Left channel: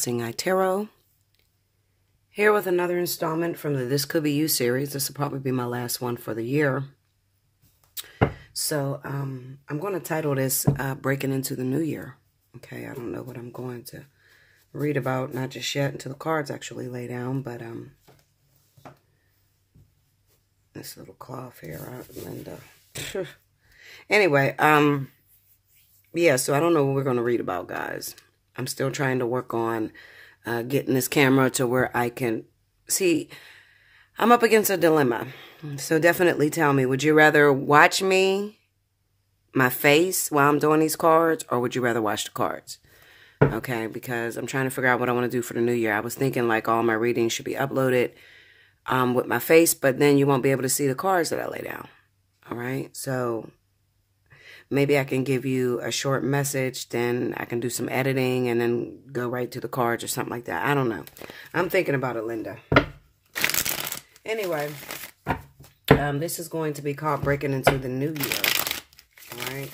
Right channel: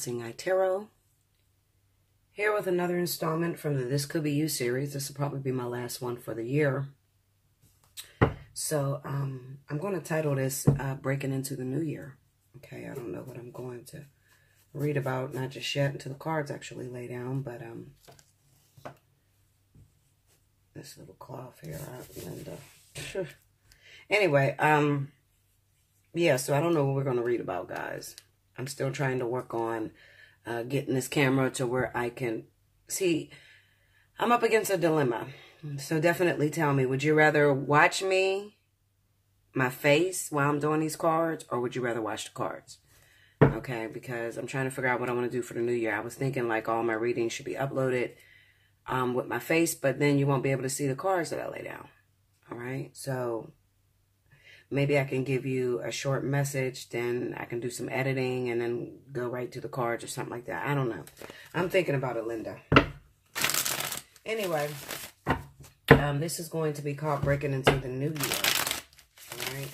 Allseeingeyetarot. Here with another installment from the This Could Be You series. This will probably be my last one for the year. So I'm going to title this Breaking Into the New Year. Okay, I don't know what I'm going to read about, not just yet until the cards actually lay down, but this little cloth here, Linda. Anyway, yeah, so I don't know what we're going to read about, guys. I'm still trying to work on getting this camera to where I can see. I'm up against a dilemma. So definitely tell me, would you rather watch my face while I'm doing these cards, or would you rather watch the cards? Okay, because I'm trying to figure out what I want to do for the new year. I was thinking like all my readings should be uploaded with my face, but then you won't be able to see the cards that I lay down. All right, so maybe I can give you a short message, then I can do some editing and then go right to the cards or something like that. I don't know. I'm thinking about it, Linda. Anyway, this is going to be called Breaking Into the New Year. All right.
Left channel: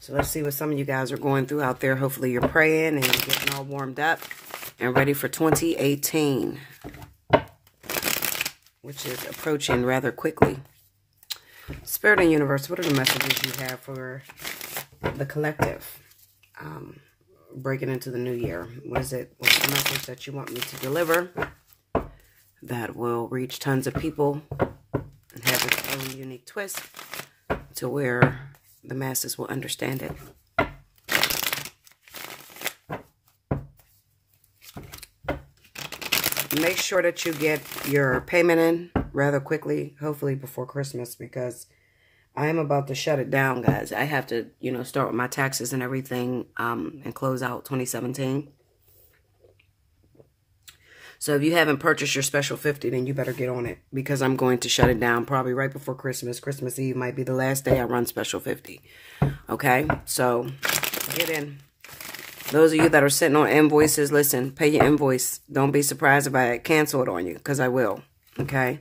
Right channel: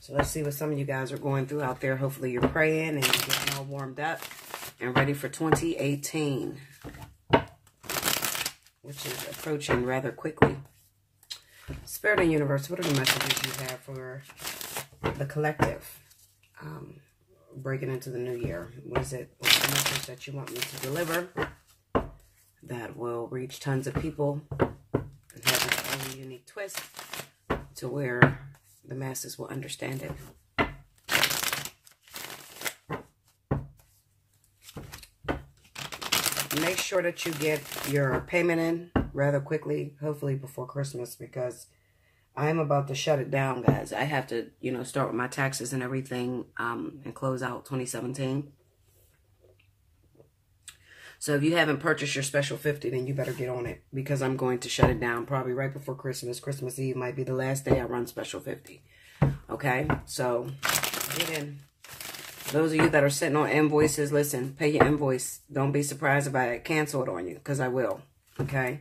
So let's see what some of you guys are going through out there. Hopefully you're praying and you're getting all warmed up and ready for 2018, which is approaching rather quickly. Spirit and Universe, what are the messages you have for the collective breaking into the new year? What's the message that you want me to deliver that will reach tons of people and have its own unique twist to where the masses will understand it? Make sure that you get your payment in rather quickly, hopefully before Christmas, because I am about to shut it down, guys. I have to, start with my taxes and everything and close out 2017. So if you haven't purchased your special 50, then you better get on it, because I'm going to shut it down probably right before Christmas. Christmas Eve might be the last day I run special 50. Okay, so get in. Those of you that are sitting on invoices, listen, pay your invoice. Don't be surprised if I cancel it on you, because I will. Okay?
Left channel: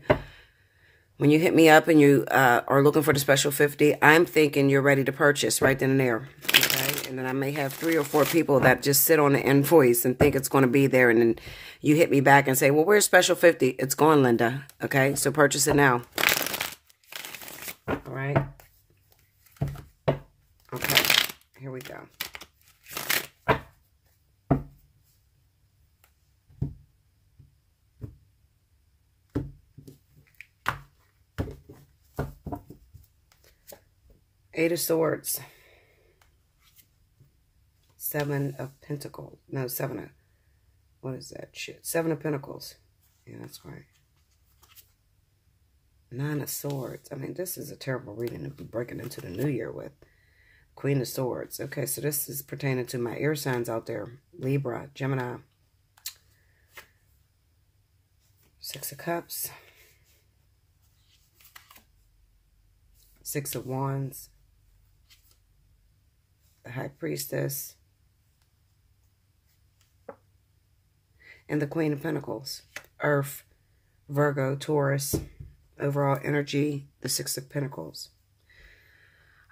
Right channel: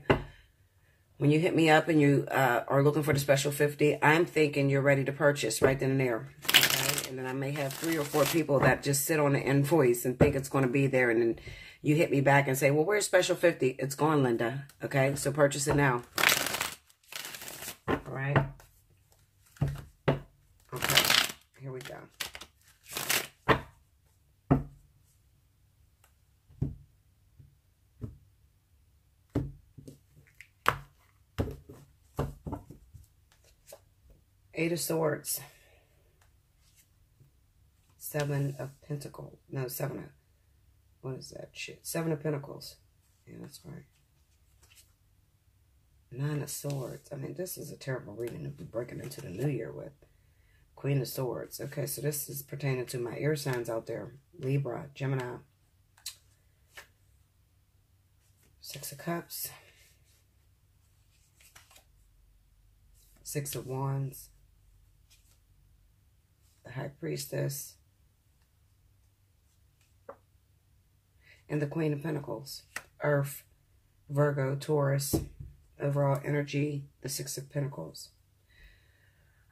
When you hit me up and you are looking for the special 50, I'm thinking you're ready to purchase right then and there. Okay? And then I may have 3 or 4 people that just sit on the invoice and think it's going to be there. And then you hit me back and say, well, where's special 50? It's gone, Linda. Okay? So purchase it now. All right? Okay. Here we go. Eight of Swords. 7 of Pentacles. No, 7 of... What is that shit? 7 of Pentacles. Yeah, that's right. 9 of Swords. I mean, this is a terrible reading to be breaking into the new year with. Queen of Swords. Okay, so this is pertaining to my air signs out there. Libra, Gemini. 6 of Cups. 6 of Wands. The High Priestess, and the Queen of Pentacles. Earth, Virgo, Taurus, overall energy, the 6 of Pentacles.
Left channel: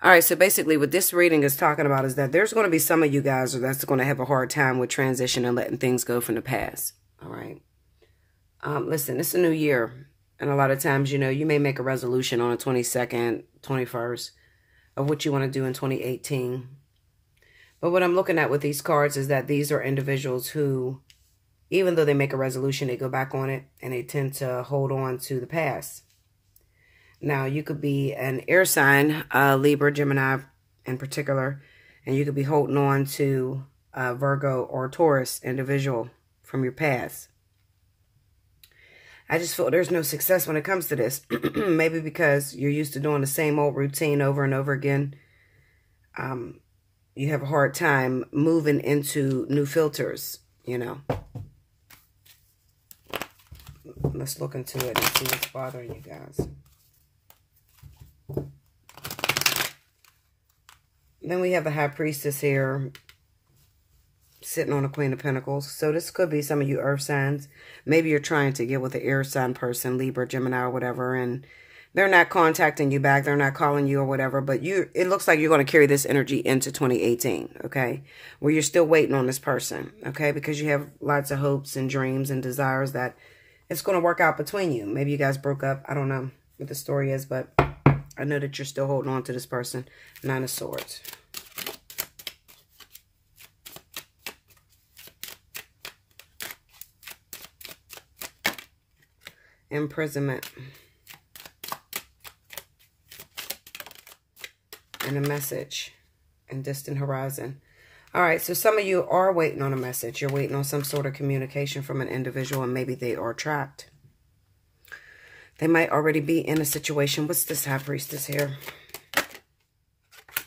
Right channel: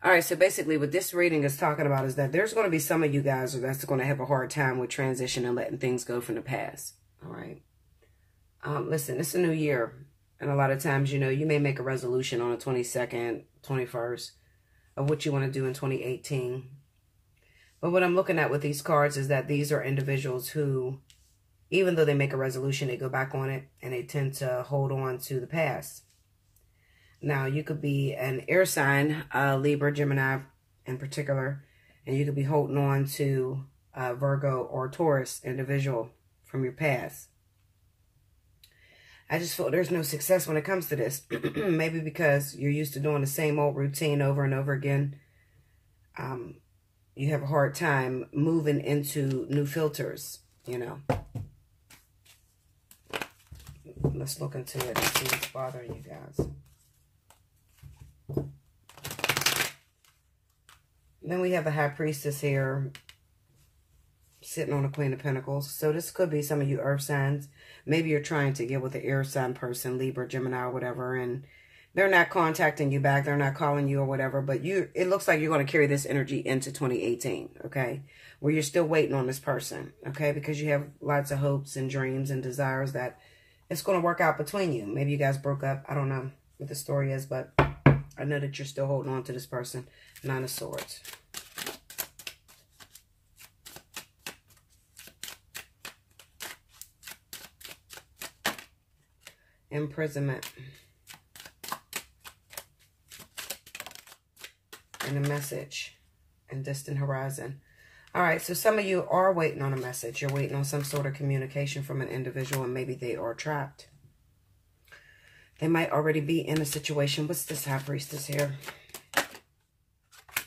All right, so basically what this reading is talking about is that there's going to be some of you guys that's going to have a hard time with transition and letting things go from the past. All right. Listen, it's a new year, and a lot of times, you may make a resolution on the 22nd, 21st of what you want to do in 2018. But what I'm looking at with these cards is that these are individuals who, even though they make a resolution, they go back on it and they tend to hold on to the past. Now, you could be an air sign, Libra, Gemini in particular, and you could be holding on to Virgo or Taurus individual from your past. I just feel there's no success when it comes to this. Maybe because you're used to doing the same old routine over and over again. You have a hard time moving into new filters, Let's look into it and see what's bothering you guys. Then we have the High Priestess here, sitting on the Queen of Pentacles. So this could be some of you earth signs. Maybe you're trying to get with the air sign person, Libra, Gemini, or whatever, and They're not contacting you back. They're not calling you or whatever. But it looks like you're going to carry this energy into 2018, okay? Where you're still waiting on this person, okay? Because you have lots of hopes and dreams and desires that it's going to work out between you. Maybe you guys broke up. I don't know what the story is, but I know that you're still holding on to this person. Nine of Swords. Imprisonment. And a message. And distant horizon. All right, so some of you are waiting on a message. You're waiting on some sort of communication from an individual, and maybe they are trapped. They might already be in a situation. What's this High Priestess here?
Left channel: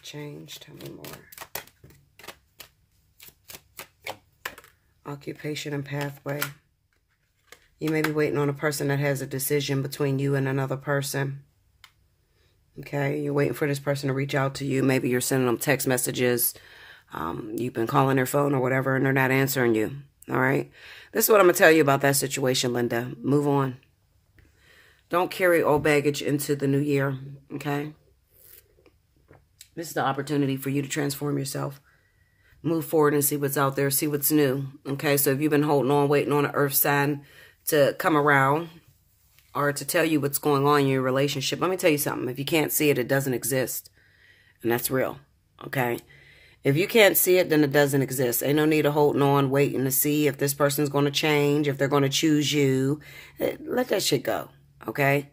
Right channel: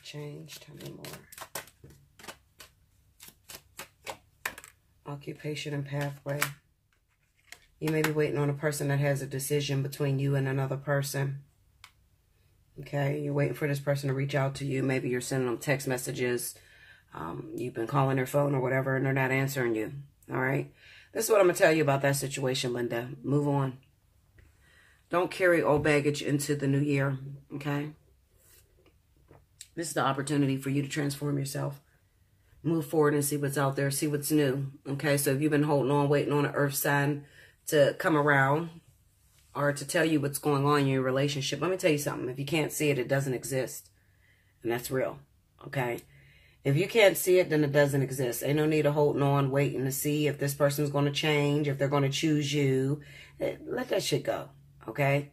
Change. Tell me more. Occupation and pathway. You may be waiting on a person that has a decision between you and another person. Okay, you're waiting for this person to reach out to you. Maybe you're sending them text messages. You've been calling their phone or whatever, and they're not answering you. All right, this is what I'm going to tell you about that situation, Linda. Move on. Don't carry old baggage into the new year, okay? This is the opportunity for you to transform yourself. Move forward and see what's out there. See what's new, okay? So if you've been holding on, waiting on an earth sign to come around or to tell you what's going on in your relationship, let me tell you something. If you can't see it, it doesn't exist. And that's real, okay? If you can't see it, then it doesn't exist. Ain't no need of holding on, waiting to see if this person's going to change, if they're going to choose you. Let that shit go, okay?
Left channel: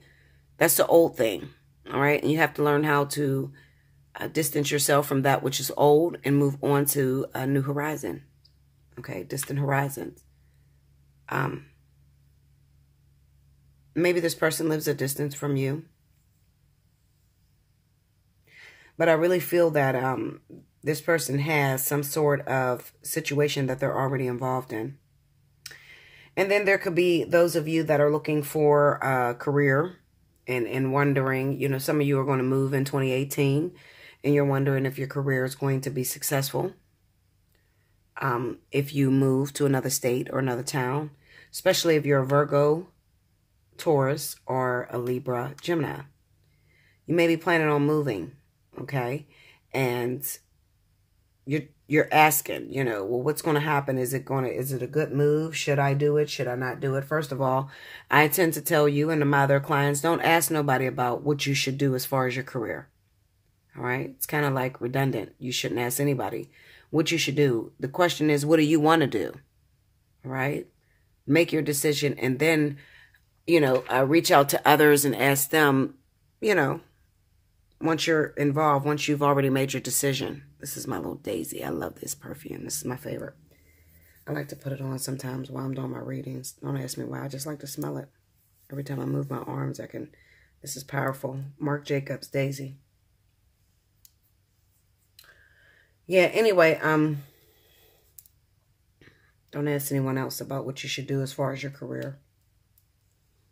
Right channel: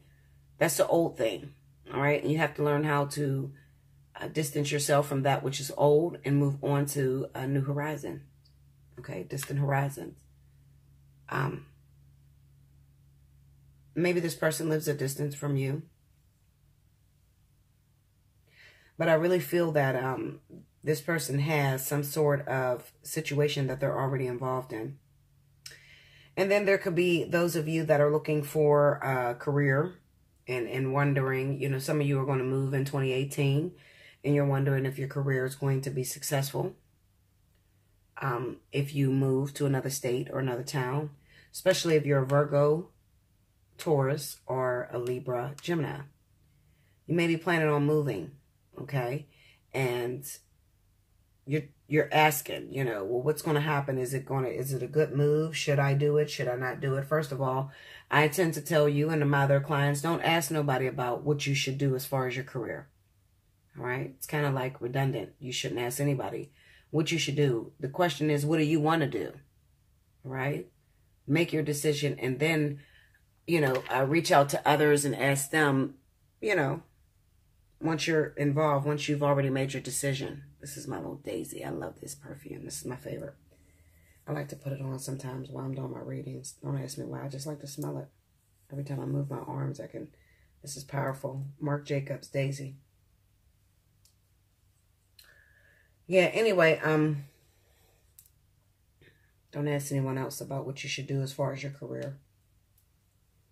That's the old thing, all right? And you have to learn how to distance yourself from that which is old and move on to a new horizon, okay? Distant horizons. Maybe this person lives a distance from you. But I really feel that this person has some sort of situation that they're already involved in. And then there could be those of you that are looking for a career and wondering, you know, some of you are going to move in 2018 and you're wondering if your career is going to be successful. If you move to another state or another town, especially if you're a Virgo, Taurus, or a Libra, Gemini. You may be planning on moving, okay? And you're asking, you know, well, what's going to happen? Is it a good move? Should I do it? Should I not do it? First of all, I tend to tell you and to my other clients, don't ask nobody about what you should do as far as your career. All right? It's kind of like redundant. You shouldn't ask anybody what you should do. The question is, what do you want to do? All right? Make your decision and then, you know, reach out to others and ask them, you know, once you're involved, once you've already made your decision. This is my little daisy. I love this perfume. This is my favorite. I like to put it on sometimes while I'm doing my readings. Don't ask me why. I just like to smell it. Every time I move my arms, I can. This is powerful. Marc Jacobs Daisy. Yeah, anyway, don't ask anyone else about what you should do as far as your career.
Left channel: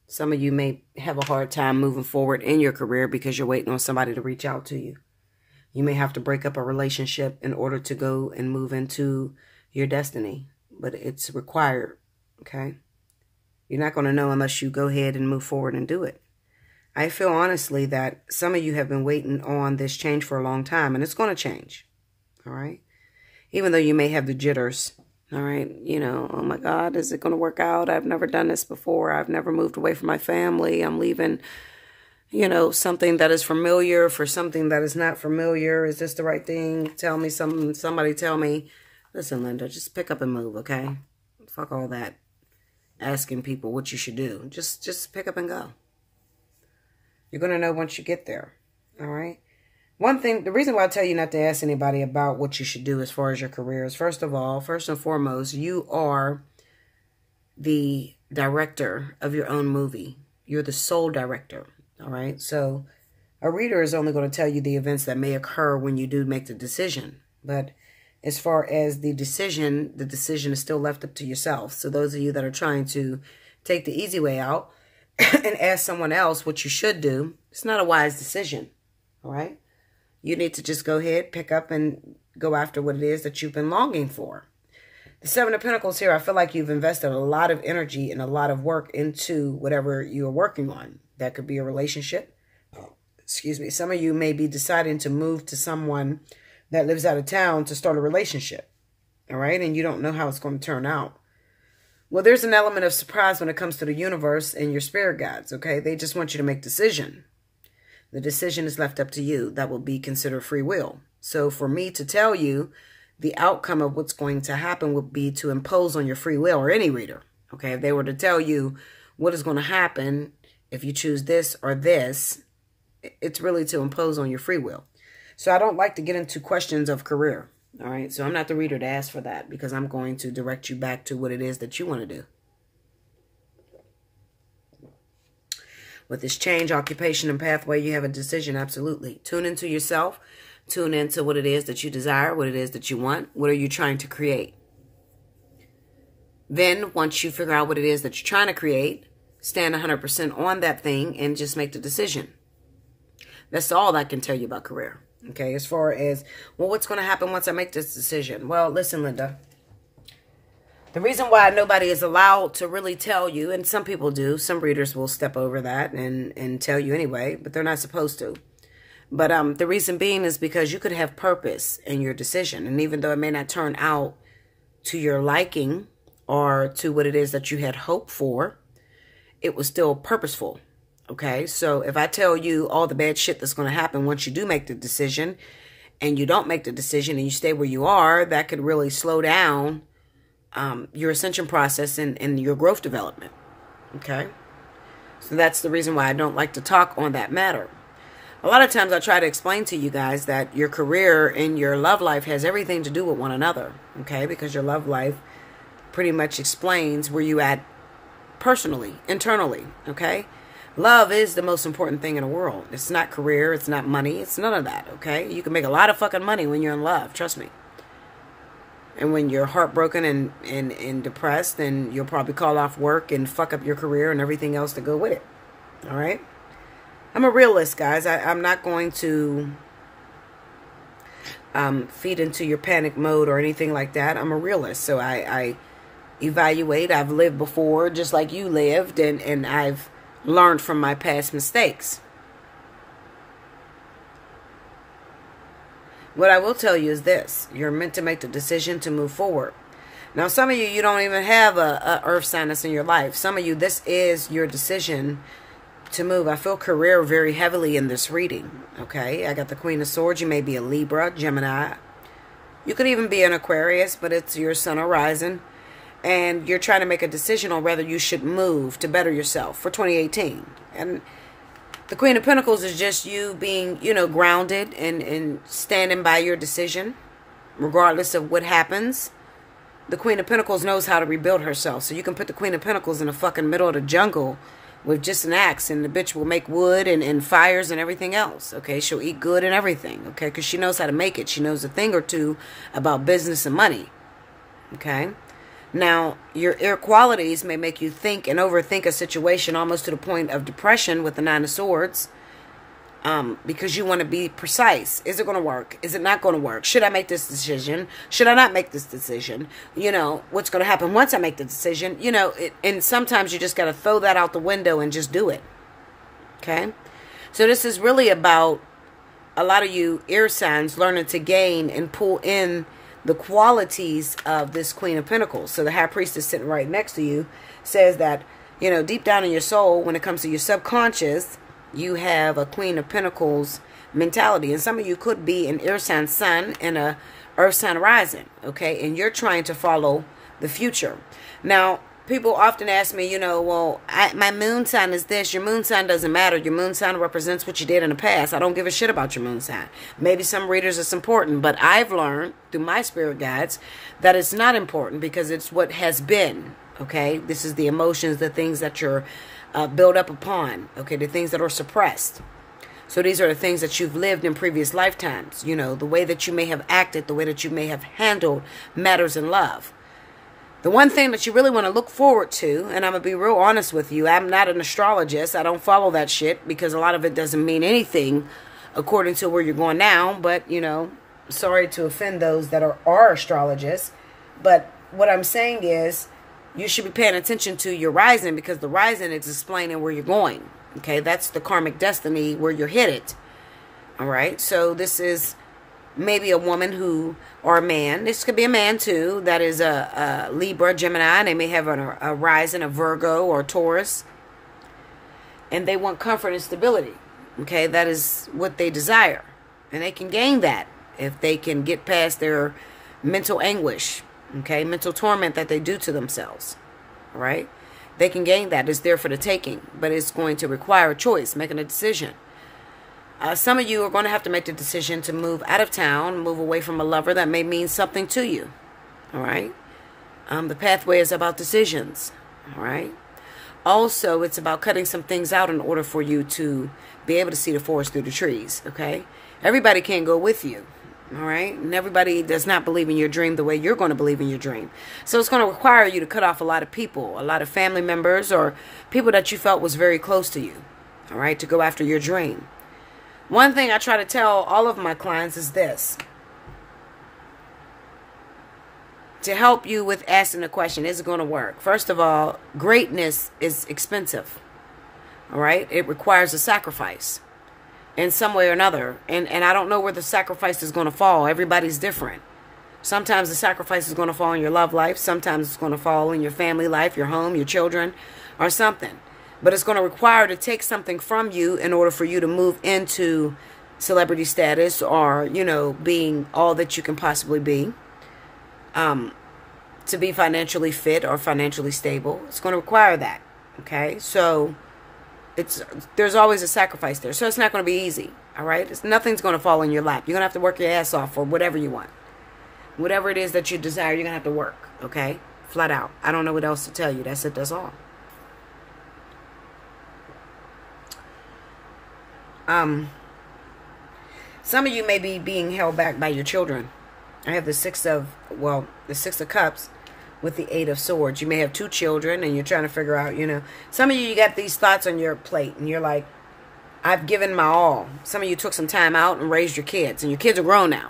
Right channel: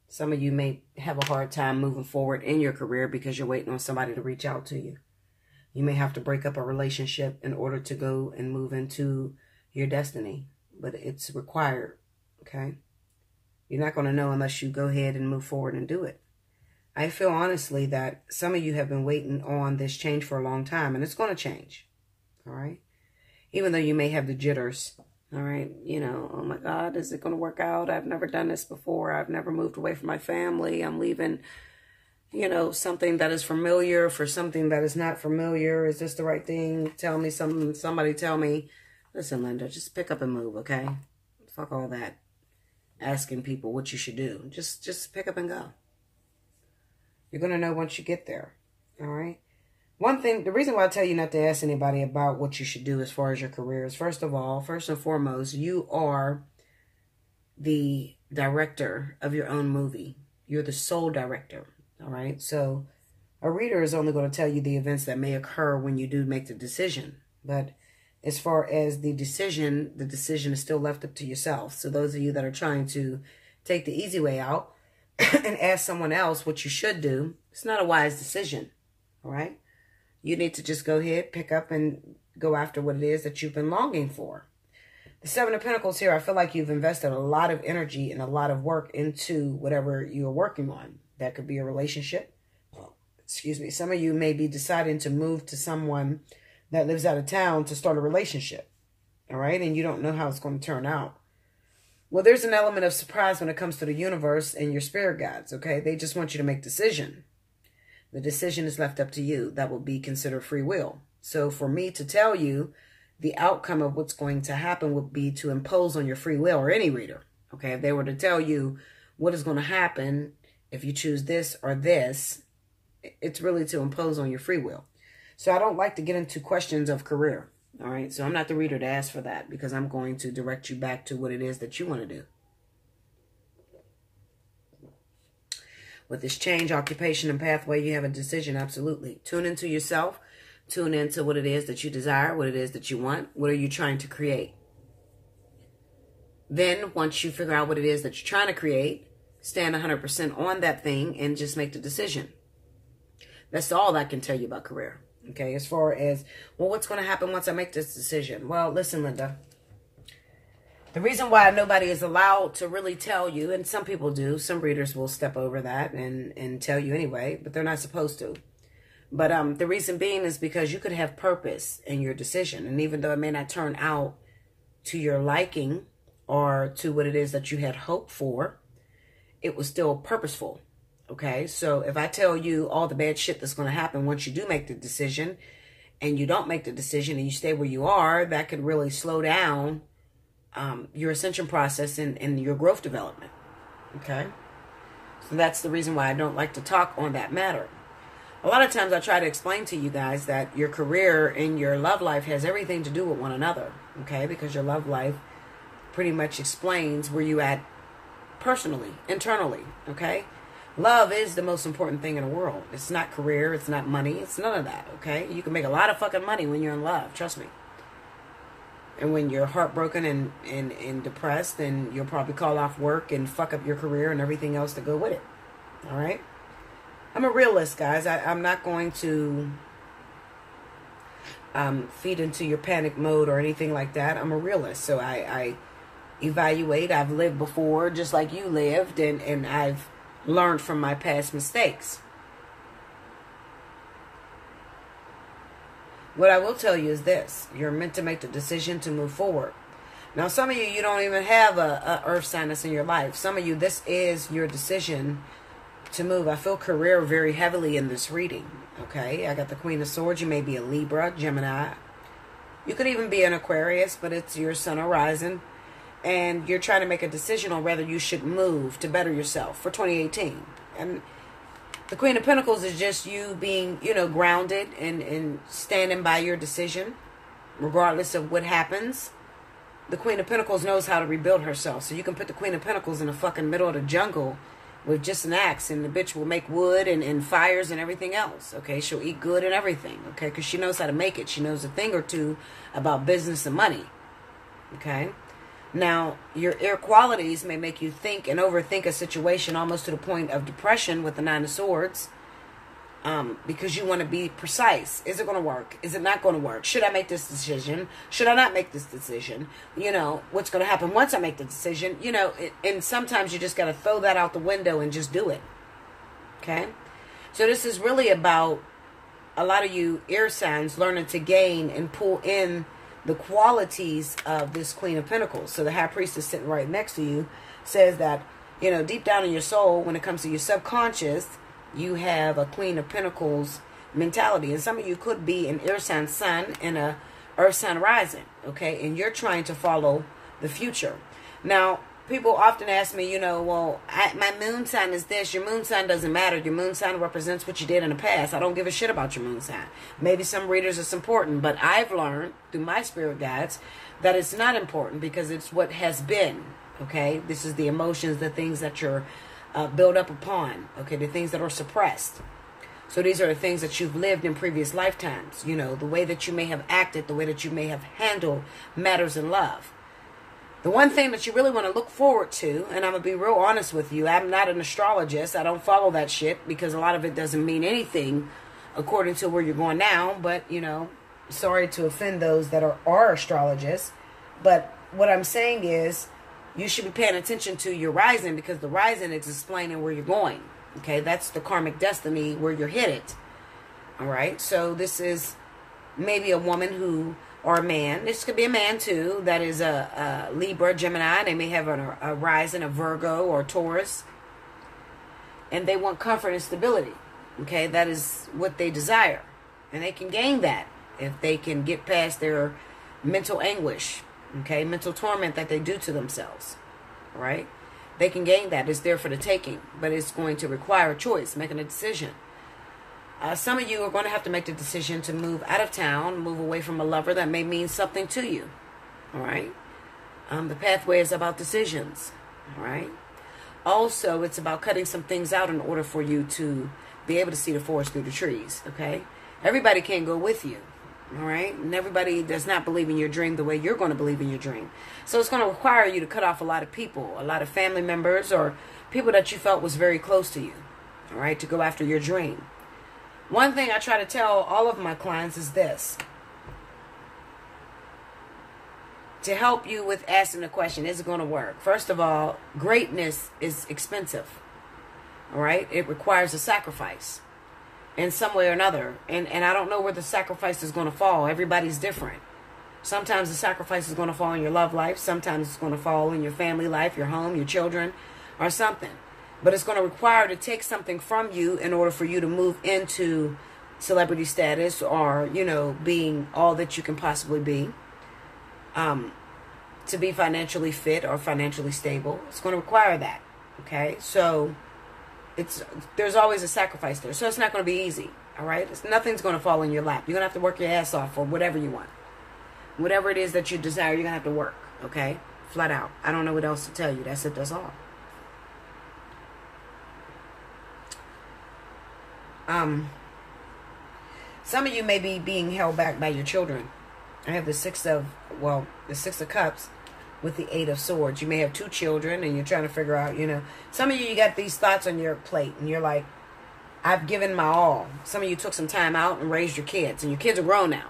Some of you may have a hard time moving forward in your career because you're waiting on somebody to reach out to you. You may have to break up a relationship in order to go and move into your destiny, but it's required, okay? You're not going to know unless you go ahead and move forward and do it. I feel honestly that some of you have been waiting on this change for a long time, and it's going to change, all right? Even though you may have the jitters. All right, you know, oh my God, is it going to work out? I've never done this before. I've never moved away from my family. I'm leaving, you know, something that is familiar for something that is not familiar. Is this the right thing? Tell me something. Somebody tell me. Listen, Linda, just pick up and move, okay? Fuck all that asking people what you should do. Just pick up and go. You're going to know once you get there, all right? One thing, the reason why I tell you not to ask anybody about what you should do as far as your career is, first of all, first and foremost, you are the director of your own movie. You're the sole director, all right? So a reader is only going to tell you the events that may occur when you do make the decision. But as far as the decision is still left up to yourself. So those of you that are trying to take the easy way out and ask someone else what you should do, it's not a wise decision, all right? You need to just go ahead, pick up, and go after what it is that you've been longing for. The Seven of Pentacles here, I feel like you've invested a lot of energy and a lot of work into whatever you're working on. That could be a relationship. excuse me, some of you may be deciding to move to someone that lives out of town to start a relationship. All right. And you don't know how it's going to turn out. Well, there's an element of surprise when it comes to the universe and your spirit guides. Okay. They just want you to make a decision. The decision is left up to you. That will be considered free will. So for me to tell you the outcome of what's going to happen would be to impose on your free will, or any reader. Okay. If they were to tell you what is going to happen if you choose this or this, it's really to impose on your free will. So I don't like to get into questions of career. All right. So I'm not the reader to ask for that, because I'm going to direct you back to what it is that you want to do. With this change, occupation, and pathway, you have a decision. Absolutely. Tune into yourself. Tune into what it is that you desire, what it is that you want. What are you trying to create? Then once you figure out what it is that you're trying to create, stand 100% on that thing and just make the decision. That's all I can tell you about career. Okay, as far as, well, what's going to happen once I make this decision? Well, listen, Linda. The reason why nobody is allowed to really tell you, and some people do, some readers will step over that and tell you anyway, but they're not supposed to. But the reason being is because you could have purpose in your decision. And even though it may not turn out to your liking or to what it is that you had hoped for, it was still purposeful. Okay, so if I tell you all the bad shit that's going to happen once you do make the decision, and you don't make the decision and you stay where you are, that could really slow down your ascension process and your growth development. Okay, so that's the reason why I don't like to talk on that matter. A lot of times I try to explain to you guys that your career and your love life has everything to do with one another. Okay, because your love life pretty much explains where you at personally, internally. Okay. Love is the most important thing in the world. It's not career. It's not money. It's none of that, okay? You can make a lot of fucking money when you're in love. Trust me. And when you're heartbroken and depressed, then you'll probably call off work and fuck up your career and everything else to go with it. All right? I'm a realist, guys. I'm not going to feed into your panic mode or anything like that. I'm a realist. So I evaluate. I've lived before just like you lived, and I've learned from my past mistakes. What I will tell you is this: you're meant to make the decision to move forward. Now, some of you don't even have a earth sign that's in your life. Some of you, this is your decision to move. I feel career very heavily in this reading. Okay, I got the Queen of Swords. You may be a Libra, Gemini. You could even be an Aquarius, but it's your sun horizon. And you're trying to make a decision on whether you should move to better yourself for 2018. And the Queen of Pentacles is just you being, you know, grounded and standing by your decision, regardless of what happens. The Queen of Pentacles knows how to rebuild herself. So you can put the Queen of Pentacles in the fucking middle of the jungle with just an axe, and the bitch will make wood and fires and everything else. Okay, she'll eat good and everything. Okay, because she knows how to make it. She knows a thing or two about business and money. Okay. Now, your air qualities may make you think and overthink a situation almost to the point of depression with the Nine of Swords, because you want to be precise. Is it going to work? Is it not going to work? Should I make this decision? Should I not make this decision? You know, what's going to happen once I make the decision? You know, and sometimes you just got to throw that out the window and just do it. Okay? So this is really about a lot of you air signs learning to gain and pull in the qualities of this Queen of Pentacles. So the High Priestess sitting right next to you says that, you know, deep down in your soul, when it comes to your subconscious, you have a Queen of Pentacles mentality. And some of you could be an air sign sun and a earth sign rising, okay? And you're trying to follow the future. Now, people often ask me, you know, well, my moon sign is this. Your moon sign doesn't matter. Your moon sign represents what you did in the past. I don't give a shit about your moon sign. Maybe some readers it's important, but I've learned through my spirit guides that it's not important because it's what has been, okay? This is the emotions, the things that you're built up upon, okay? The things that are suppressed. So these are the things that you've lived in previous lifetimes. You know, the way that you may have acted, the way that you may have handled matters in love. The one thing that you really want to look forward to, and I'm going to be real honest with you, I'm not an astrologist. I don't follow that shit because a lot of it doesn't mean anything according to where you're going now. But, you know, sorry to offend those that are astrologists. But what I'm saying is you should be paying attention to your rising because the rising is explaining where you're going. Okay, that's the karmic destiny where you're headed. All right, so this is maybe a woman who, or a man, this could be a man too, that is a Libra, Gemini. They may have a rising of Virgo or Taurus. And they want comfort and stability. Okay, that is what they desire. And they can gain that if they can get past their mental anguish. Okay, mental torment that they do to themselves. All right, they can gain that. It's there for the taking. But it's going to require a choice, making a decision. Some of you are going to have to make the decision to move out of town, move away from a lover that may mean something to you. All right, the pathway is about decisions. All right. Also, it's about cutting some things out in order for you to be able to see the forest through the trees, okay? Everybody can't go with you, all right? And everybody does not believe in your dream the way you're going to believe in your dream. So it's going to require you to cut off a lot of people, a lot of family members or people that you felt was very close to you, all right, to go after your dream. One thing I try to tell all of my clients is this. To help you with asking the question, is it going to work? First of all, greatness is expensive. All right? It requires a sacrifice in some way or another. And I don't know where the sacrifice is going to fall. Everybody's different. Sometimes the sacrifice is going to fall in your love life. Sometimes it's going to fall in your family life, your home, your children, or something. But it's going to require to take something from you in order for you to move into celebrity status or, you know, being all that you can possibly be. To be financially fit or financially stable. It's going to require that. Okay, so there's always a sacrifice there. So it's not going to be easy. All right, nothing's going to fall in your lap. You're going to have to work your ass off for whatever you want. Whatever it is that you desire, you're going to have to work. Okay, flat out. I don't know what else to tell you. That's it. That's all. Some of you may be being held back by your children. I have the Six of Cups with the Eight of Swords. You may have 2 children and you're trying to figure out, you know. Some of you got these thoughts on your plate and you're like, I've given my all. Some of you took some time out and raised your kids. And your kids are grown now.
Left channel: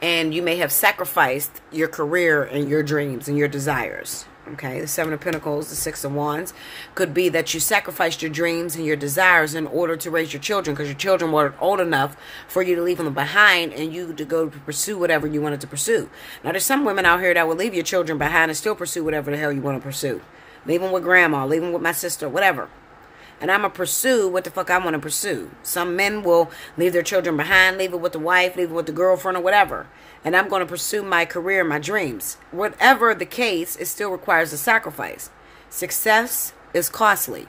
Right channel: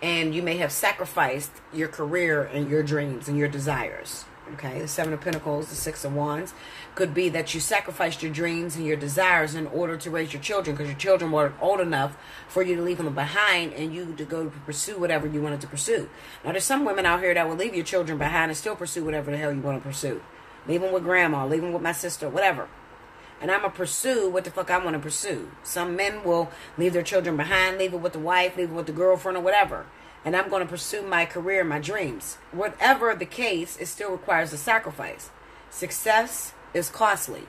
And you may have sacrificed your career and your dreams and your desires. Okay, the Seven of Pentacles, the Six of Wands. Could be that you sacrificed your dreams and your desires in order to raise your children because your children weren't old enough for you to leave them behind and you to go pursue whatever you wanted to pursue. Now, there's some women out here that will leave your children behind and still pursue whatever the hell you want to pursue. Leave them with grandma, leave them with my sister, whatever. And I'm going to pursue what the fuck I want to pursue. Some men will leave their children behind, leave it with the wife, leave it with the girlfriend or whatever. And I'm going to pursue my career, my dreams. Whatever the case, it still requires a sacrifice. Success is costly.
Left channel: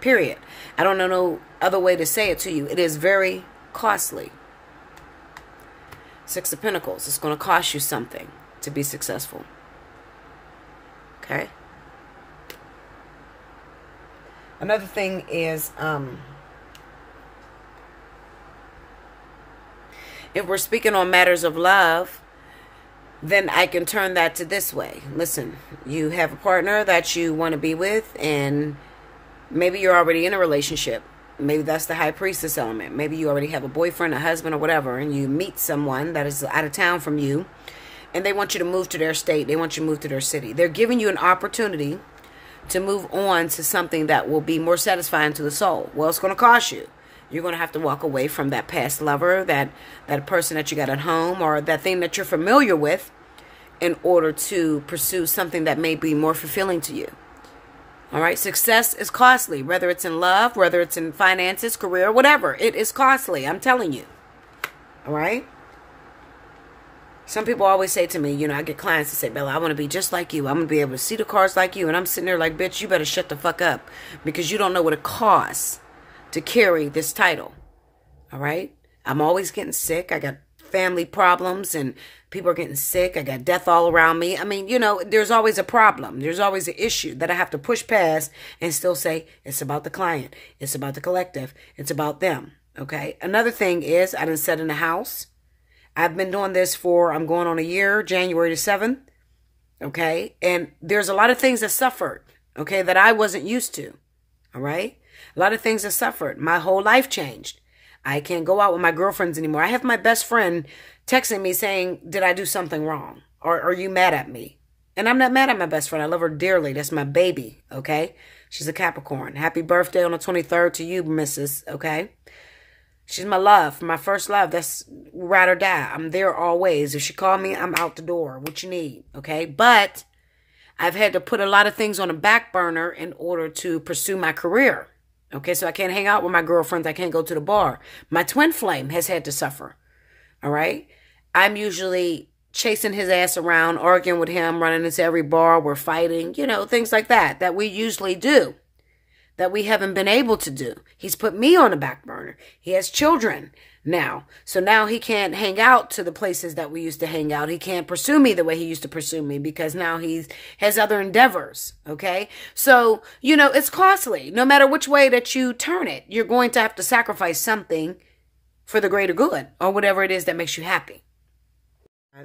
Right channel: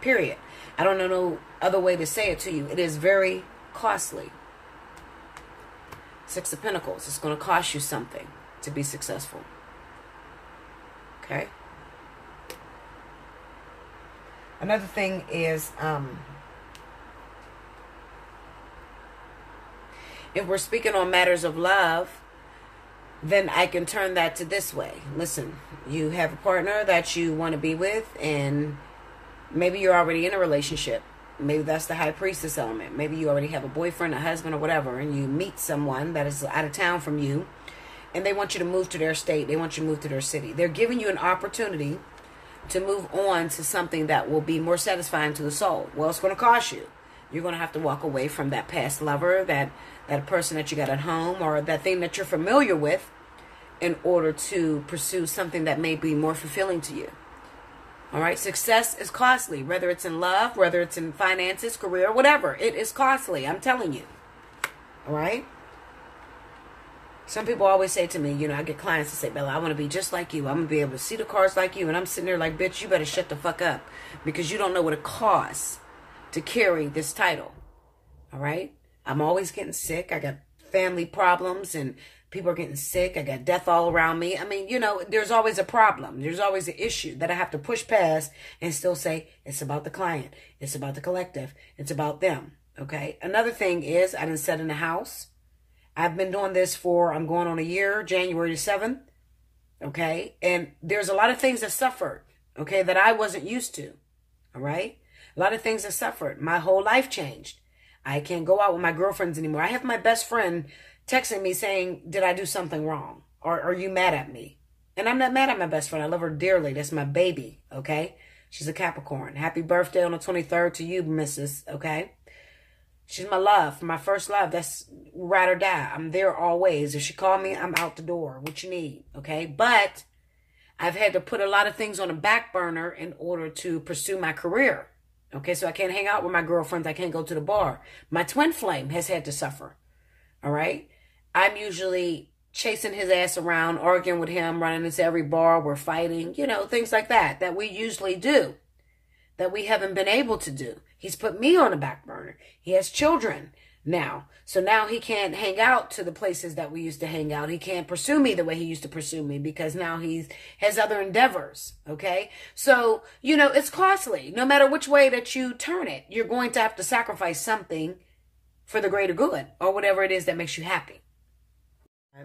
Period. I don't know no other way to say it to you. It is very costly. Six of Pentacles. It's going to cost you something to be successful. Okay? Another thing is, if we're speaking on matters of love, then I can turn that to this way. Listen, you have a partner that you want to be with, and maybe you're already in a relationship. Maybe that's the High Priestess element. Maybe you already have a boyfriend, a husband, or whatever, and you meet someone that is out of town from you, and they want you to move to their state. They want you to move to their city. They're giving you an opportunity to move on to something that will be more satisfying to the soul. Well, it's going to cost you. You're going to have to walk away from that past lover, that person that you got at home, or that thing that you're familiar with in order to pursue something that may be more fulfilling to you. All right? Success is costly, whether it's in love, whether it's in finances, career, whatever. It is costly, I'm telling you. All right? Some people always say to me, you know, I get clients that say, Bella, I want to be just like you. I'm going to be able to see the cars like you. And I'm sitting there like, bitch, you better shut the fuck up. Because you don't know what it costs to carry this title. All right? I'm always getting sick. I got family problems and people are getting sick. I got death all around me. I mean, you know, there's always a problem. There's always an issue that I have to push past and still say, it's about the client. It's about the collective. It's about them. Okay? Another thing is, I done sat in the house. I've been doing this for, I'm going on a year, January the 7th, okay? And there's a lot of things that suffered, okay, that I wasn't used to, all right? A lot of things that suffered. My whole life changed. I can't go out with my girlfriends anymore. I have my best friend texting me saying, did I do something wrong? Or are you mad at me? And I'm not mad at my best friend. I love her dearly. That's my baby, okay? She's a Capricorn. Happy birthday on the 23rd to you, Mrs. Okay? She's my love, my first love. That's ride or die. I'm there always. If she call me, I'm out the door. What you need, okay? But I've had to put a lot of things on a back burner in order to pursue my career. Okay, so I can't hang out with my girlfriends. I can't go to the bar. My twin flame has had to suffer, all right? I'm usually chasing his ass around, arguing with him, running into every bar. We're fighting, you know, things like that, that we usually do, that we haven't been able to do. He's put me on the back burner. He has children now. So now he can't hang out to the places that we used to hang out. He can't pursue me the way he used to pursue me because now he has other endeavors, okay? So, you know, it's costly. No matter which way that you turn it, you're going to have to sacrifice something for the greater good or whatever it is that makes you happy.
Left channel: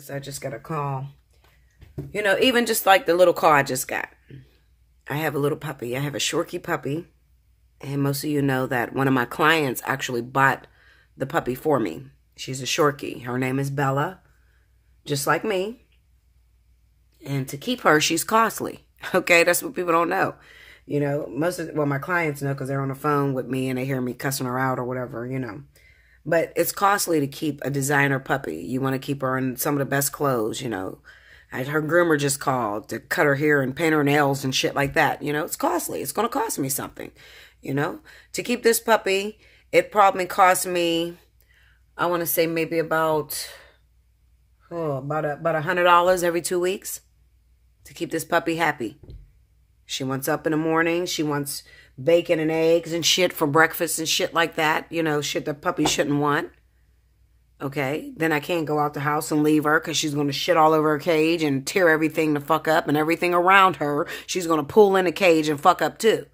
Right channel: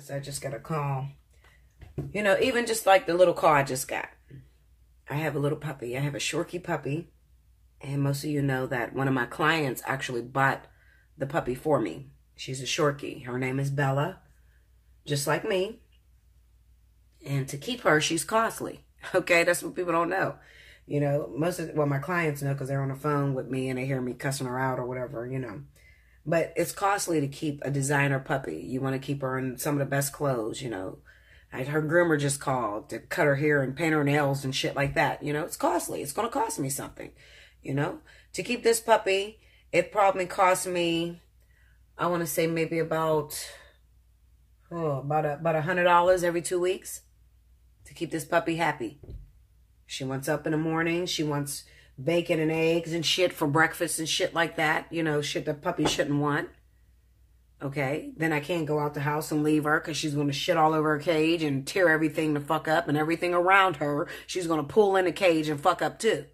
I just got a call. You know, even just like the little call I just got. I have a little puppy. I have a Shorkie puppy. And most of you know that one of my clients actually bought the puppy for me. She's a Shorkie. Her name is Bella, just like me. And to keep her, she's costly. Okay, that's what people don't know. You know, my clients know because they're on the phone with me and they hear me cussing her out or whatever, you know. But it's costly to keep a designer puppy. You want to keep her in some of the best clothes, you know. Her groomer just called to cut her hair and paint her nails and shit like that. You know, it's costly. It's going to cost me something, you know. To keep this puppy, it probably cost me, I want to say maybe about $100 every 2 weeks to keep this puppy happy. She wants up in the morning. She wants bacon and eggs and shit for breakfast and shit like that. You know, shit the puppy shouldn't want. Okay, then I can't go out the house and leave her because she's going to shit all over her cage and tear everything the fuck up, and everything around her she's going to pull in the cage and fuck up too.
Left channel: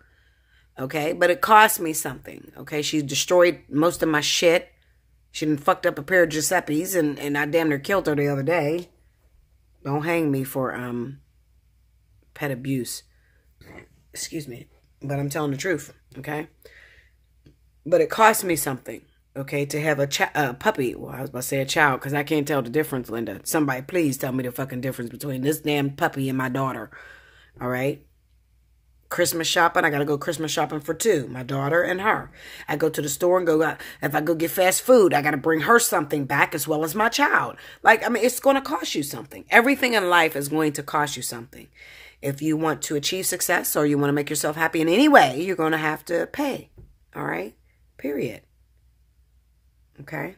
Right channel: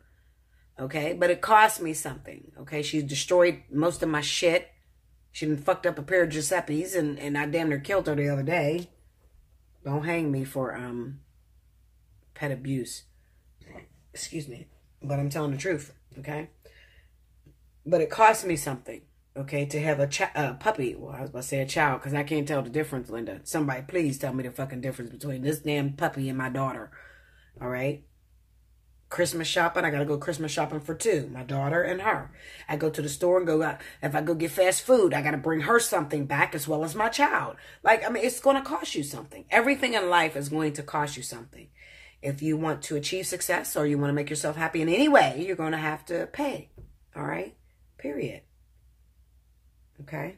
Okay, but it cost me something. Okay, she destroyed most of my shit. She done fucked up a pair of Giuseppe's and I damn near killed her the other day. Don't hang me for pet abuse. Excuse me, but I'm telling the truth. Okay, but it cost me something. Okay, to have a puppy. Well, I was about to say a child because I can't tell the difference, Linda. Somebody please tell me the fucking difference between this damn puppy and my daughter. All right? Christmas shopping, I got to go Christmas shopping for two, my daughter and her. I go to the store and go, if I go get fast food, I got to bring her something back as well as my child. Like, I mean, it's going to cost you something. Everything in life is going to cost you something. If you want to achieve success or you want to make yourself happy in any way, you're going to have to pay. All right? Period. Okay?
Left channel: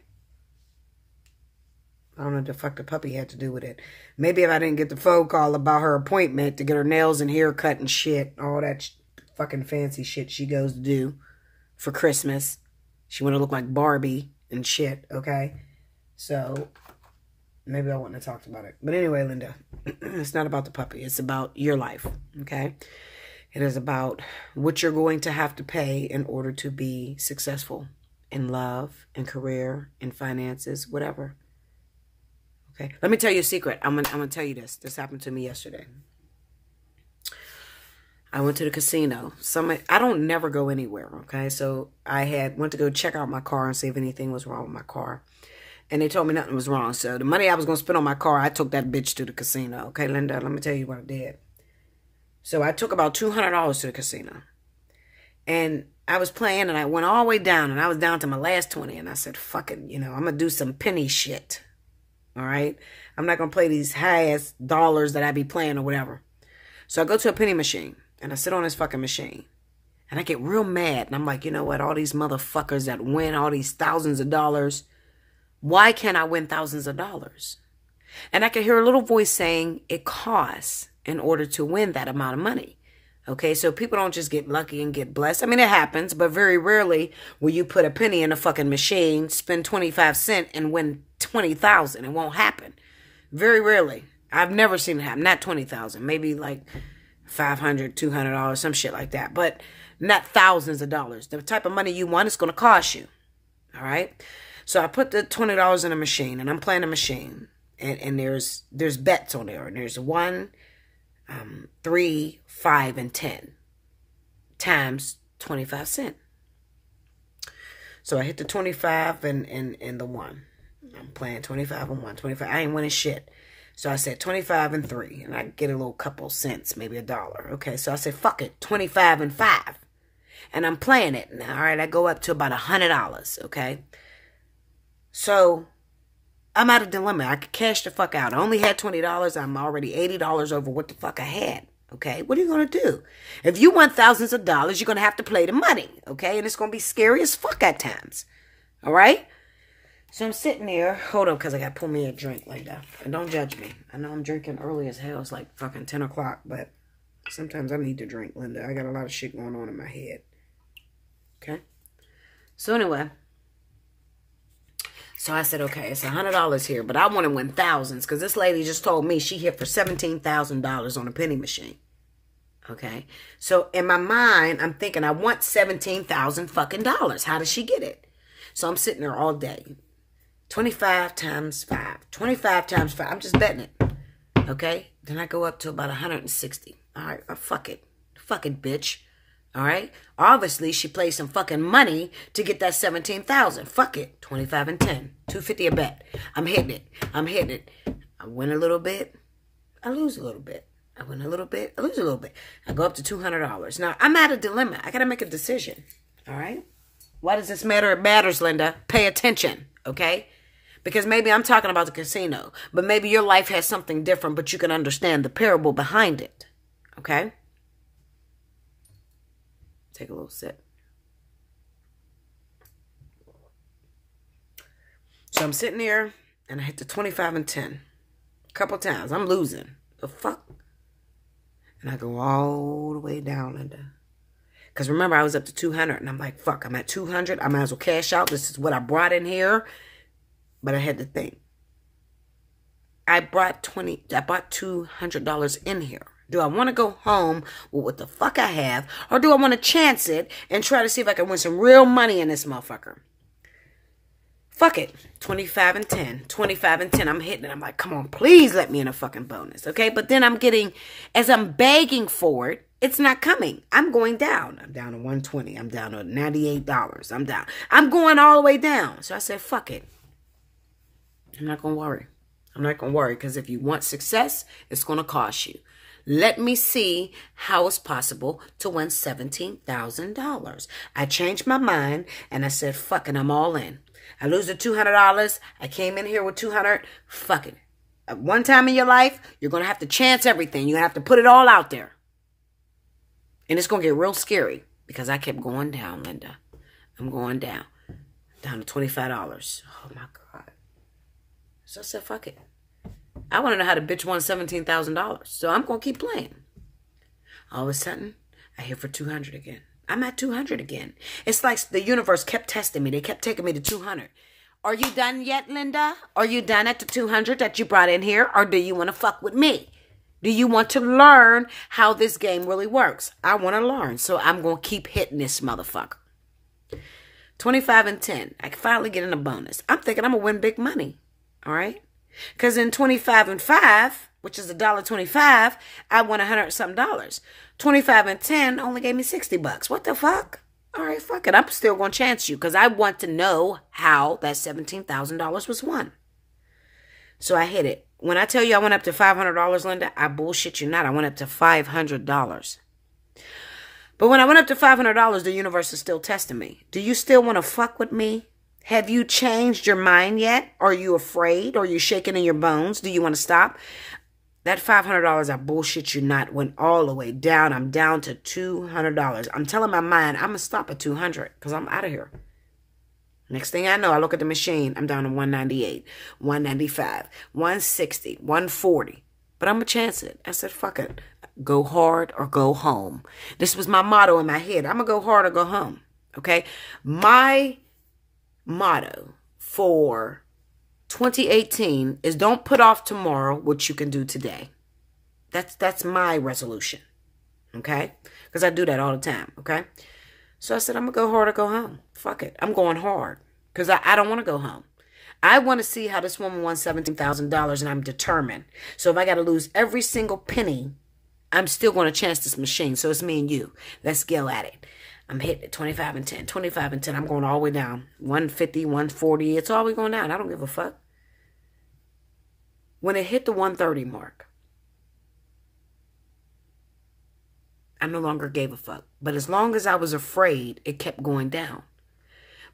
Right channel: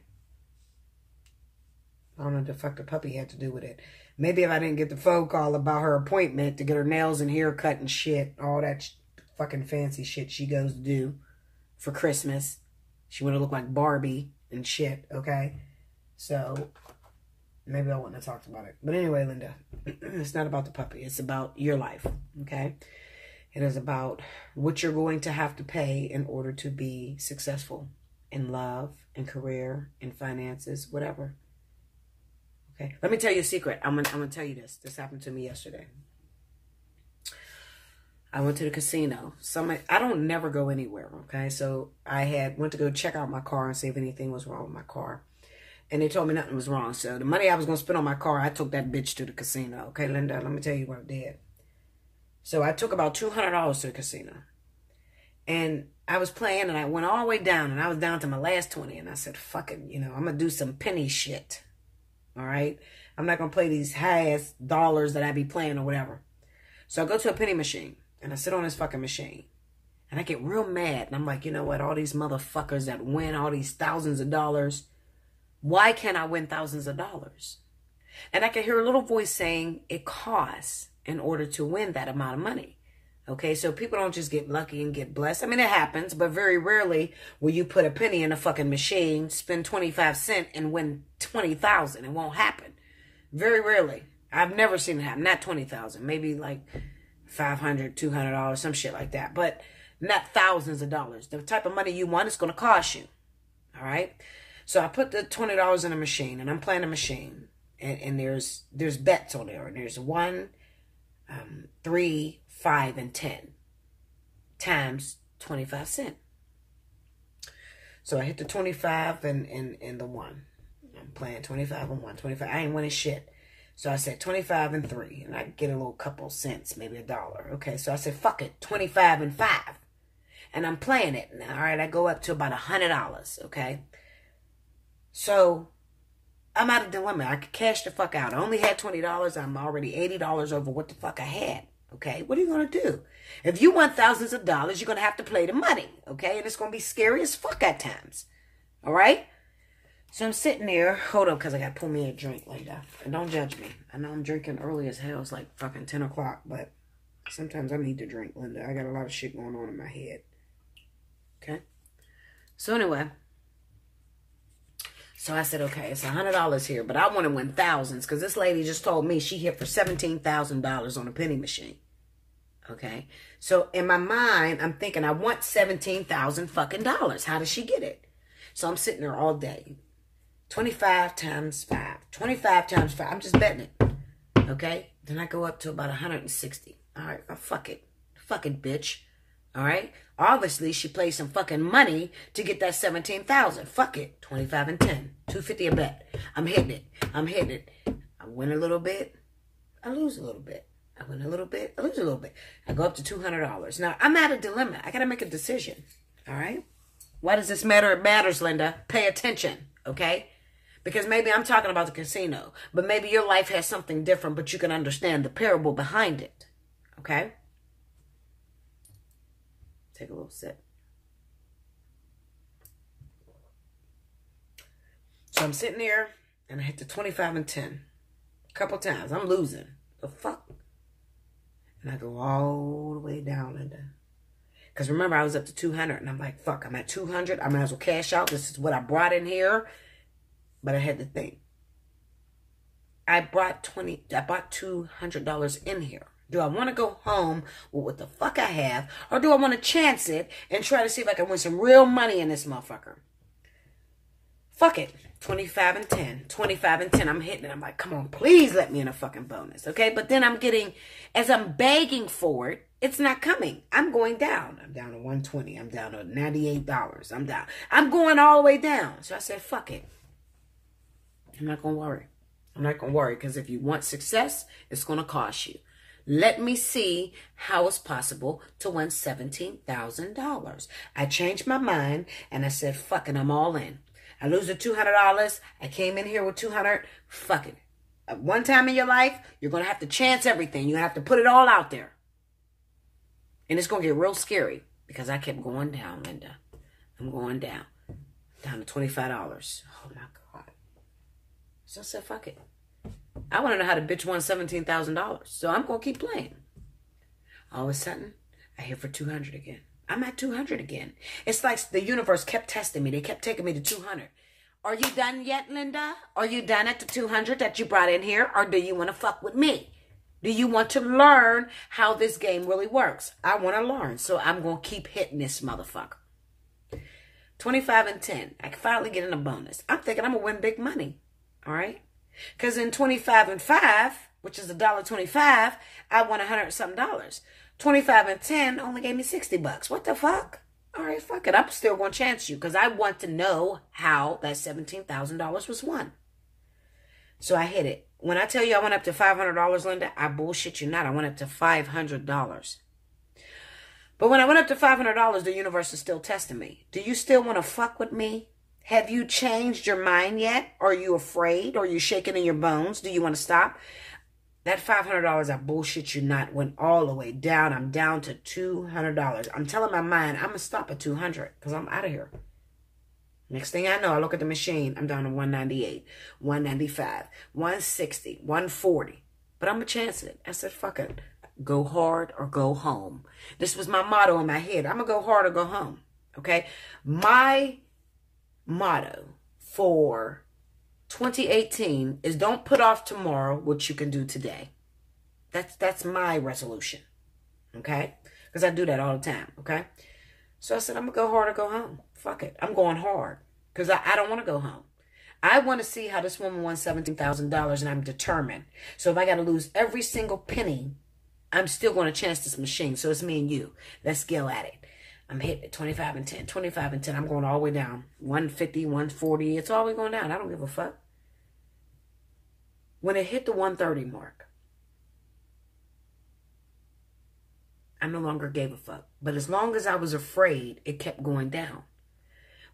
I don't know what the fuck the puppy had to do with it. Maybe if I didn't get the phone call about her appointment to get her nails and hair cut and shit, all that fucking fancy shit she goes to do for Christmas. She want to look like Barbie and shit, okay? So, maybe I wouldn't have talked about it. But anyway, Linda, it's not about the puppy. It's about your life, okay? It is about what you're going to have to pay in order to be successful in love, in career, in finances, whatever. Okay, let me tell you a secret. I'm gonna tell you this. This happened to me yesterday. I went to the casino. I don't never go anywhere, okay? So I went to go check out my car and see if anything was wrong with my car. And they told me nothing was wrong. So the money I was going to spend on my car, I took that bitch to the casino. Okay, Linda, let me tell you what I did. So I took about $200 to the casino. And I was playing and I went all the way down. And I was down to my last 20. And I said, fuck it, you know, I'm going to do some penny shit. All right? I'm not going to play these high-ass dollars that I be playing or whatever. So I go to a penny machine. And I sit on this fucking machine. And I get real mad. And I'm like, you know what? All these motherfuckers that win all these thousands of dollars. Why can't I win thousands of dollars? And I can hear a little voice saying it costs in order to win that amount of money. Okay, so people don't just get lucky and get blessed. I mean, it happens, but very rarely will you put a penny in a fucking machine, spend 25 cents, and win 20,000. It won't happen. Very rarely. I've never seen it happen. Not 20,000. Maybe like $500, $200, some shit like that. But not thousands of dollars. The type of money you want is going to cost you. All right? So I put the $20 in a machine, and I'm playing a machine. And there's bets on there. And there's 1, 3, 5, and 10 times 25 cents. So I hit the 25 and the 1. I'm playing 25 and 1. 25. I ain't winning shit. So I said 25 and 3, and I get a little couple cents, maybe $1. Okay, so I said, fuck it, 25 and 5. And I'm playing it. Now, all right, I go up to about $100, okay? So I'm at a dilemma. I could cash the fuck out. I only had $20. I'm already $80 over what the fuck I had, okay? What are you going to do? If you want thousands of dollars, you're going to have to play the money, okay? And it's going to be scary as fuck at times, all right? So I'm sitting there. Hold on, because I got to pull me a drink later. And don't judge me. I know I'm drinking early as hell. It's like fucking 10 o'clock, but sometimes I need to drink, Linda. I got a lot of shit going on in my head. Okay? So anyway. So I said, okay, it's $100 here, but I want to win thousands, because this lady just told me she hit for $17,000 on a penny machine. Okay? So in my mind, I'm thinking I want $17,000 fucking dollars. How does she get it? So I'm sitting there all day. 25 times 5. 25 times 5. I'm just betting it. Okay? Then I go up to about 160. All right? Fuck it. Fuck it, bitch. All right? Obviously, she plays some fucking money to get that 17,000. Fuck it. 25 and 10. 250 a bet. I'm hitting it. I'm hitting it. I win a little bit. I lose a little bit. I win a little bit. I lose a little bit. I go up to $200. Now, I'm at a dilemma. I got to make a decision. All right? Why does this matter? It matters, Linda. Pay attention, okay? Because maybe I'm talking about the casino, but maybe your life has something different, but you can understand the parable behind it, okay? Take a little sip. So I'm sitting there, and I hit the 25 and 10. A couple times. I'm losing. The fuck? And I go all the way down, Linda. Because remember, I was up to 200, and I'm like, fuck, I'm at 200. I might as well cash out. This is what I brought in here. But I had to think. I brought $200 in here. Do I want to go home with what the fuck I have? Or do I want to chance it and try to see if I can win some real money in this motherfucker? Fuck it. 25 and 10. 25 and 10. I'm hitting it. I'm like, come on, please let me in a fucking bonus. Okay? But then I'm getting, as I'm begging for it, it's not coming. I'm going down. I'm down to 120. I'm down to $98. I'm down. I'm going all the way down. So I said, fuck it. I'm not going to worry. I'm not going to worry, because if you want success, it's going to cost you. Let me see how it's possible to win $17,000. I changed my mind, and I said, fuck it, I'm all in. I lose the $200. I came in here with 200. Fuck it. At one time in your life, you're going to have to chance everything. You're going to have to put it all out there. And it's going to get real scary, because I kept going down, Linda. I'm going down. Down to $25. Oh, my God. So I said, fuck it. I want to know how the bitch won $17,000. So I'm going to keep playing. All of a sudden, I hit for 200 again. I'm at 200 again. It's like the universe kept testing me. They kept taking me to 200. Are you done yet, Linda? Are you done at the 200 that you brought in here? Or do you want to fuck with me? Do you want to learn how this game really works? I want to learn. So I'm going to keep hitting this motherfucker. 25 and 10. I can finally get in a bonus. I'm thinking I'm going to win big money. All right? Because in 25 and 5, which is $1.25, I won $100-something. 25 and 10 only gave me $60. What the fuck? All right, fuck it. I'm still going to chance you, because I want to know how that $17,000 was won. So I hit it. When I tell you I went up to $500, Linda, I bullshit you not. I went up to $500. But when I went up to $500, the universe is still testing me. Do you still want to fuck with me? Have you changed your mind yet? Are you afraid? Are you shaking in your bones? Do you want to stop? That $500, I bullshit you not, went all the way down. I'm down to $200. I'm telling my mind, I'm going to stop at 200, because I'm out of here. Next thing I know, I look at the machine. I'm down to 198, 195, 160, 140. But I'm going to chance it. I said, fuck it. Go hard or go home. This was my motto in my head. I'm going to go hard or go home. Okay? My motto for 2018 is don't put off tomorrow what you can do today. That's my resolution. Okay? Because I do that all the time. Okay? So I said, I'm going to go hard or go home. Fuck it. I'm going hard. Because I don't want to go home. I want to see how this woman won $17,000, and I'm determined. So if I got to lose every single penny, I'm still going to chance this machine. So it's me and you. Let's go at it. I'm hitting it 25 and 10. 25 and 10. I'm going all the way down. 150, 140. It's all the way going down. I don't give a fuck. When it hit the 130 mark, I no longer gave a fuck. But as long as I was afraid, it kept going down.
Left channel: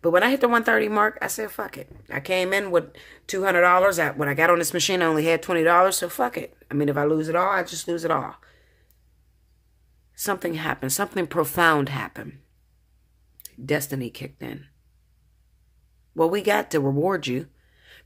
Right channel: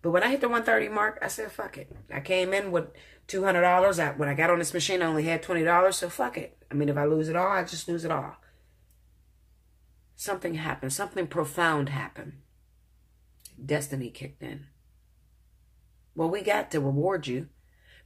But when I hit the 130 mark, I said, fuck it. I came in with $200. When I got on this machine, I only had $20, so fuck it. I mean, if I lose it all, I just lose it all. Something happened. Something profound happened. Destiny kicked in. Well, we got to reward you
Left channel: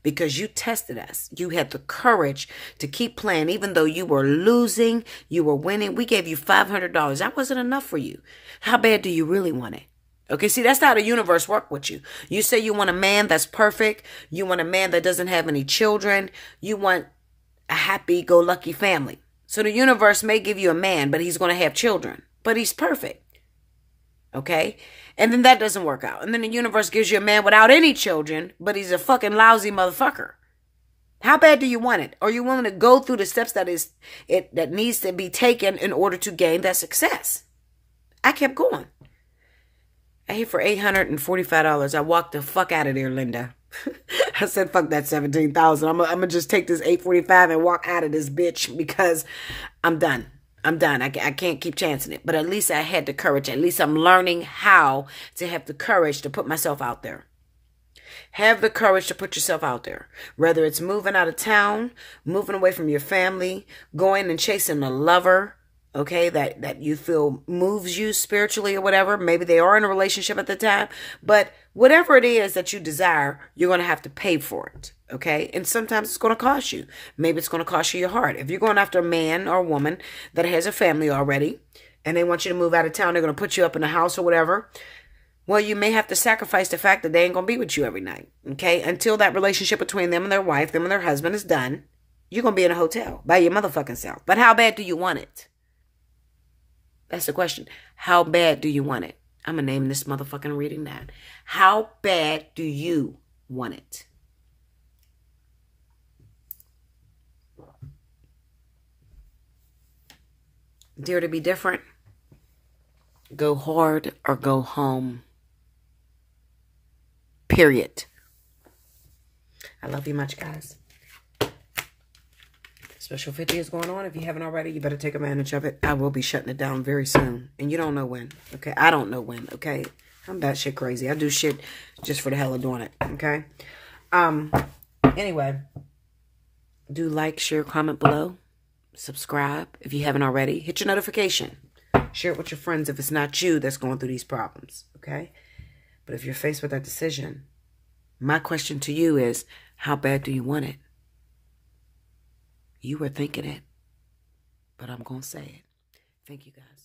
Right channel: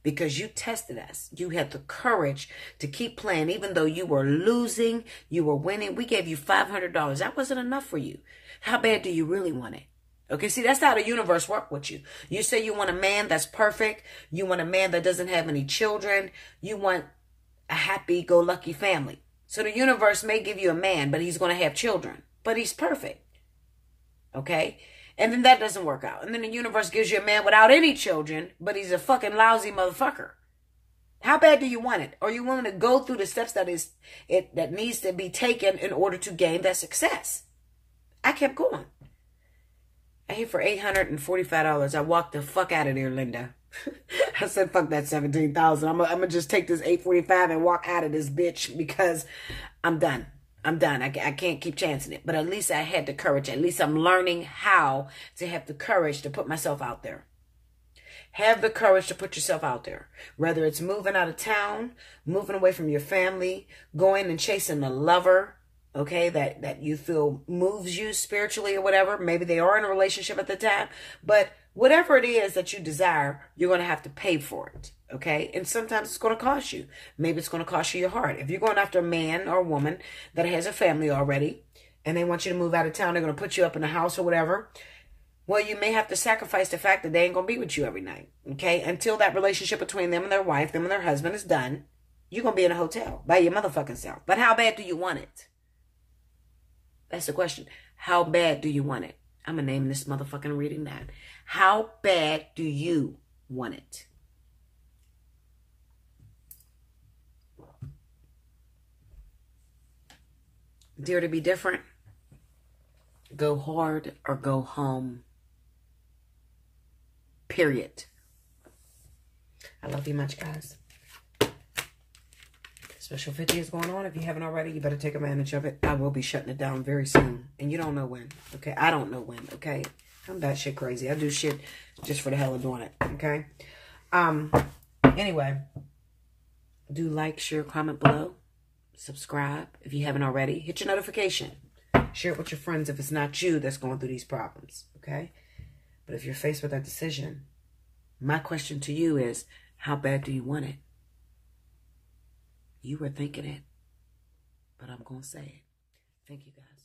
because you tested us. You had the courage to keep playing. Even though you were losing, you were winning. We gave you $500. That wasn't enough for you. How bad do you really want it? Okay, see, that's how the universe works with you. You say you want a man that's perfect. You want a man that doesn't have any children. You want a happy-go-lucky family. So the universe may give you a man, but he's going to have children. But he's perfect. Okay? And then that doesn't work out. And then the universe gives you a man without any children, but he's a fucking lousy motherfucker. How bad do you want it? Are you willing to go through the steps that needs to be taken in order to gain that success? I kept going. I hit for $845. I walked the fuck out of there, Linda. I said, fuck that $17,000. I'm going to just take this $845 and walk out of this bitch because I'm done. I'm done. I can't keep chancing it. But at least I had the courage. At least I'm learning how to have the courage to put myself out there. Have the courage to put yourself out there. Whether it's moving out of town, moving away from your family, going and chasing a lover, okay, that you feel moves you spiritually or whatever. Maybe they are in a relationship at the time. But whatever it is that you desire, you're going to have to pay for it, okay? And sometimes it's going to cost you. Maybe it's going to cost you your heart. If you're going after a man or a woman that has a family already and they want you to move out of town, they're going to put you up in a house or whatever, well, you may have to sacrifice the fact that they ain't going to be with you every night, okay? Until that relationship between them and their wife, them and their husband is done, you're going to be in a hotel by your motherfucking self. But how bad do you want it? That's the question. How bad do you want it? I'm going to name this motherfucking reading that. How bad do you want it? Dare to be different? Go hard or go home. Period. I love you much, guys. Special 50 is going on. If you haven't already, you better take advantage of it. I will be shutting it down very soon. And you don't know when, okay? I don't know when, okay? I'm batshit crazy. I do shit just for the hell of doing it, okay? Anyway, do like, share, comment below. Subscribe if you haven't already. Hit your notification. Share it with your friends if it's not you that's going through these problems, okay? But if you're faced with that decision, my question to you is, how bad do you want it? You were thinking it, but I'm going to say it. Thank you, guys.